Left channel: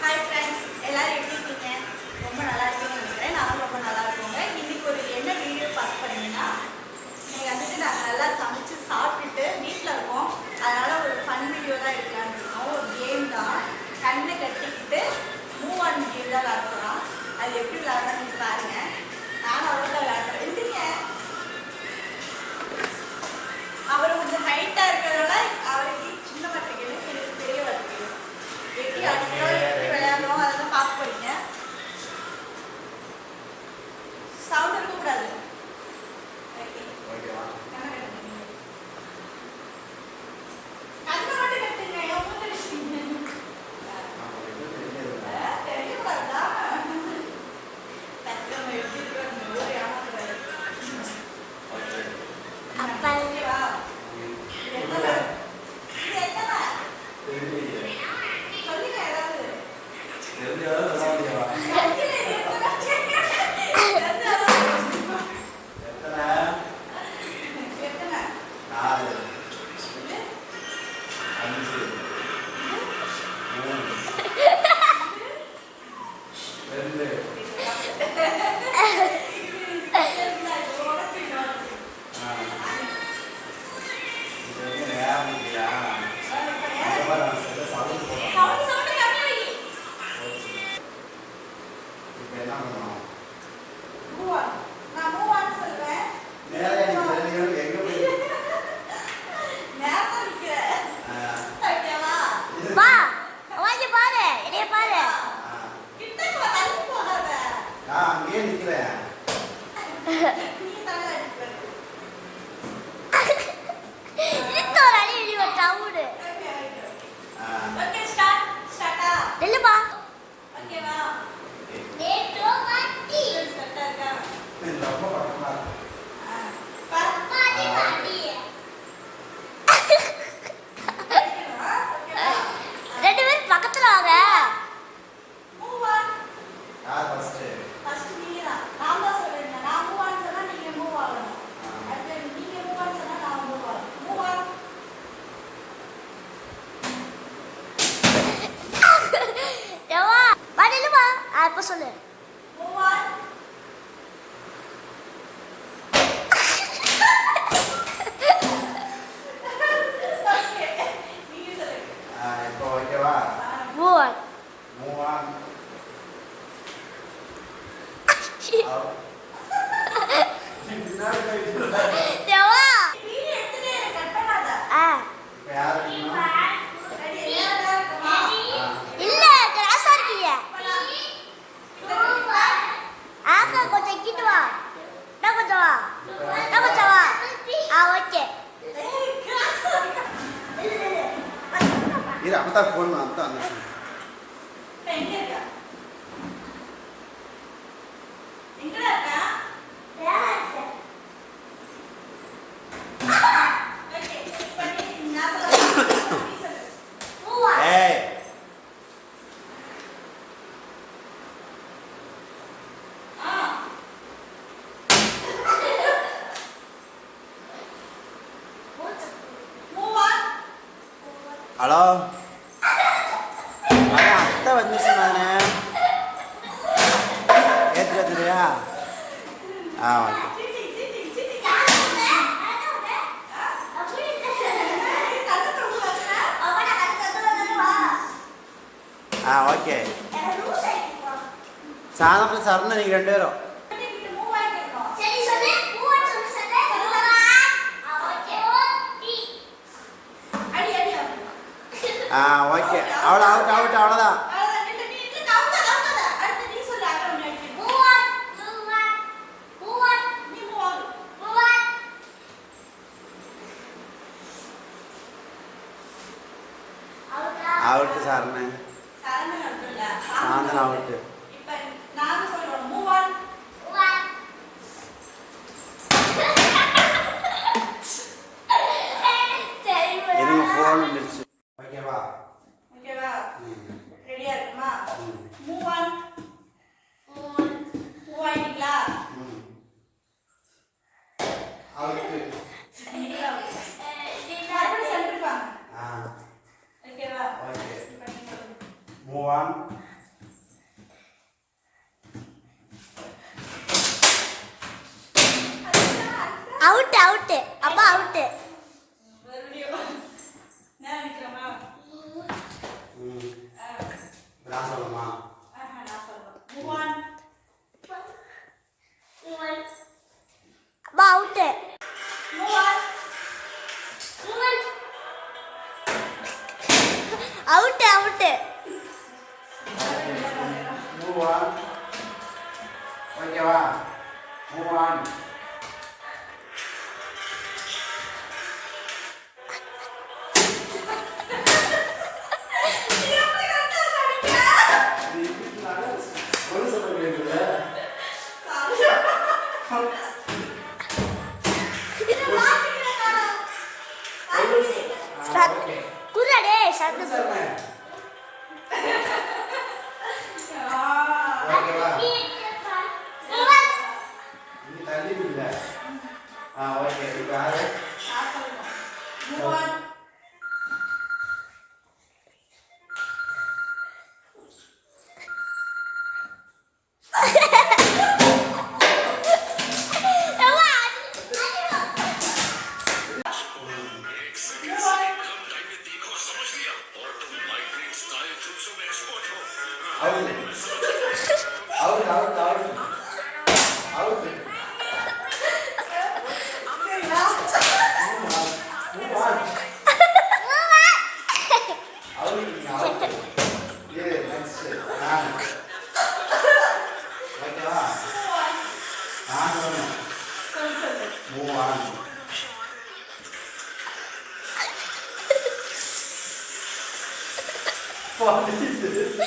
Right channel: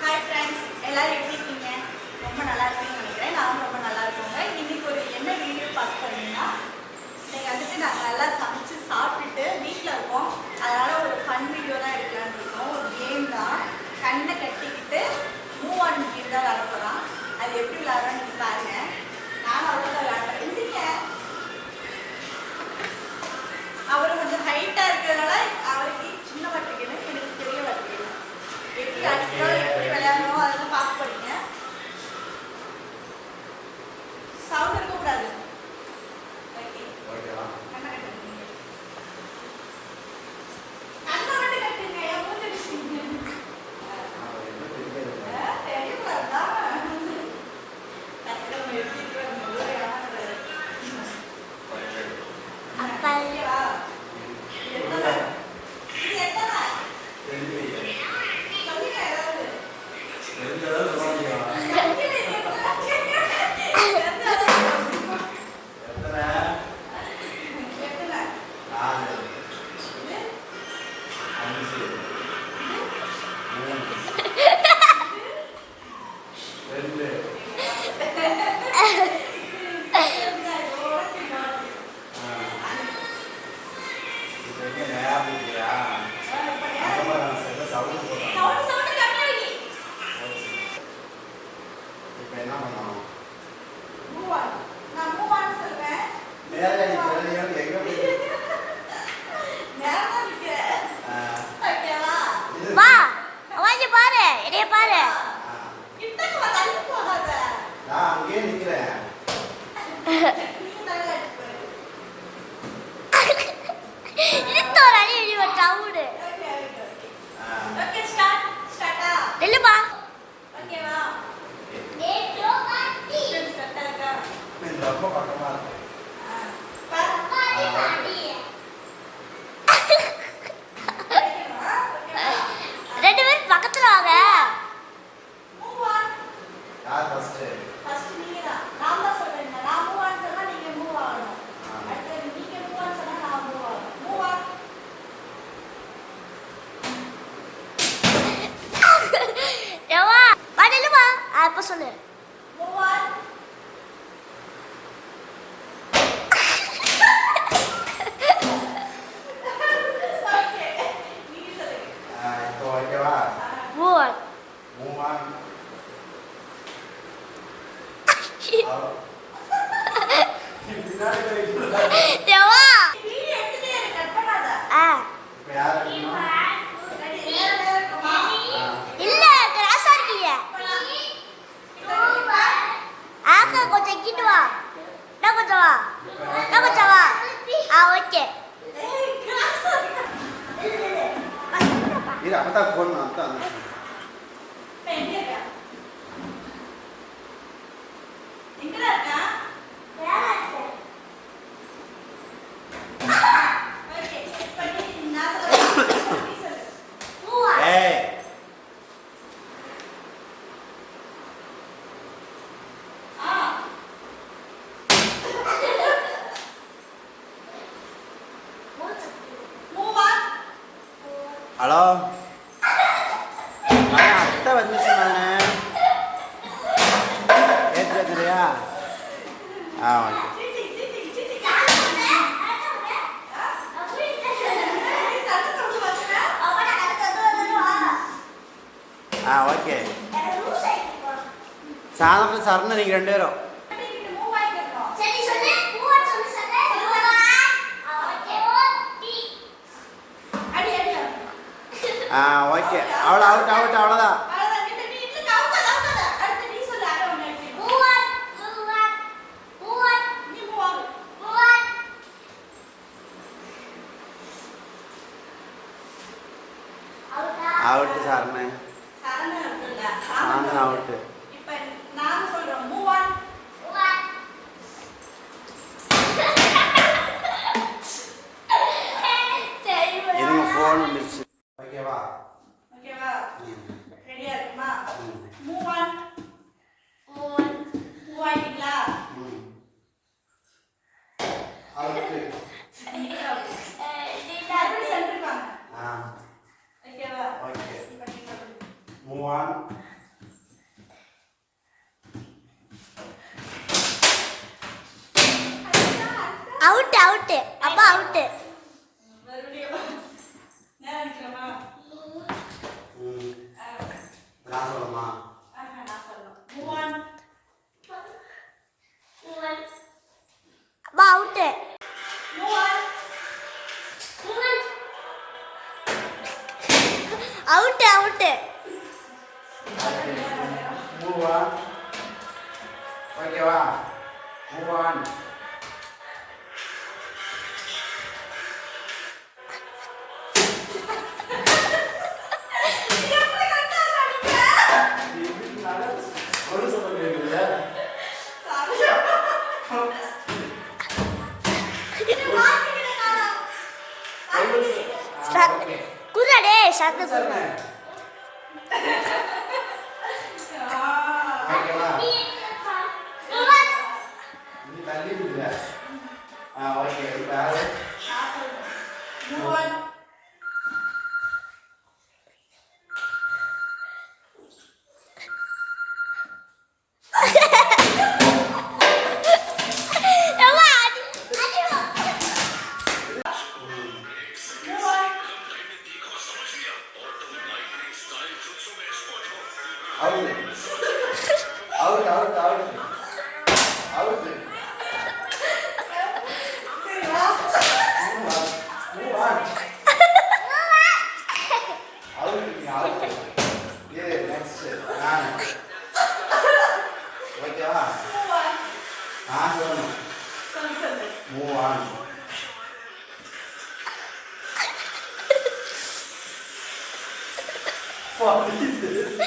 Hi friends, எல்லாரும் எப்படி இருக்கீங்க? ரொம்ப நல்லா இருப்பீங்கன்னு நினைக்கிறேன். நானும் ரொம்ப நல்லா இருக்கோங்க. இன்னைக்கு ஒரு என்ன வீடியோ பார்க்க போறீங்கன்னா, நீங்கள் வந்துட்டு நாங்கள் நல்லா சமைச்சு சாப்பிட்டுட்டு வீட்டில் இருக்கோம். அதனால் ஒரு ஃபன் வீடியோ தான் எடுக்கலான்னு இருக்கோம். ஒரு கேம் தான். கண்ணை கட்டிக்கிட்டு மூவ் ஆன் கேம் தான் விளாட போகிறோம். அது எப்படி விளாட்றோன்னு நீங்கள் பாருங்கள். நானும் அவ்வளோ தான் விளாட்றேன். இருந்துங்க. அவர் கொஞ்சம் ஹைட்டாக இருக்கிறதுனால அவருக்கு சின்ன வட்டிக்கணும், எனக்கு பெரிய வட்டிக்கணும். எப்படி அடிக்கிறோம், எப்படி விளையாடுறோம் அதெல்லாம் பார்க்க போறீங்க. சவுண்ட் இருக்கக்கூடாது. அப்ப சொல்லு. फोन आता ஹலோ அத்தை வந்துச்சு நானே ஏற்றுறியா? ஓகே. ஓகே சாதம் சரண நீங்கள் 2 பேரும் ஓகே. அவ்வளோதான். அவுட்டு சாரணே சாந்தன் அவுட்டு. இருங்க ஃபோன் வந்துருச்சு. ஓகேவா? ரெடியா இருக்குமா? Move on. மூவ் ஆயிட்டீங்களா? அவுட்டு. மறுபடியும் சென்டர் வாங்க. Okay on. அவுட் அவுட் அப்பா அவுட் மறுபடியும் நான் நினைக்கிறேமா நான் சொல்லமா நான் சொல்லுவேன் மூவ் ஆன் அப்பா out move on out out move on. ஓகேவா move on. ஒரு சொல்ல கேக்குது குரடே சத்து குரடே ஓகேவா நீ தள்ளி விடுல ஓகே இப்போ யாரு move on out out out out out move on. Out. Yeah, next. ஓகேவா நான் சொல்லணும் move on. What is this?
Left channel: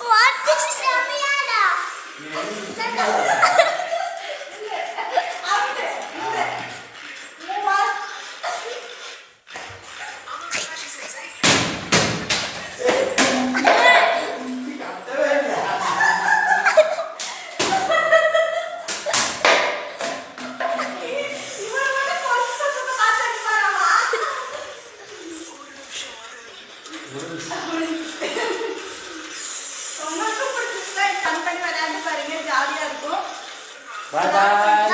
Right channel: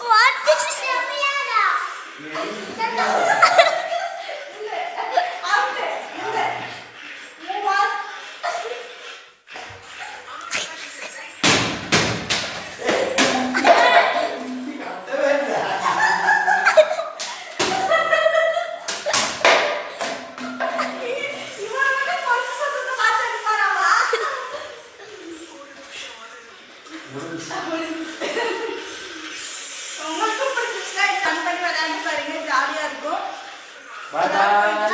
What is செமியாடா உங்களுக்கு பிடிச்சிருந்தா பண்ணி விளையாண்டு பாருங்க ஜாலியா இருக்கும் Bye bye.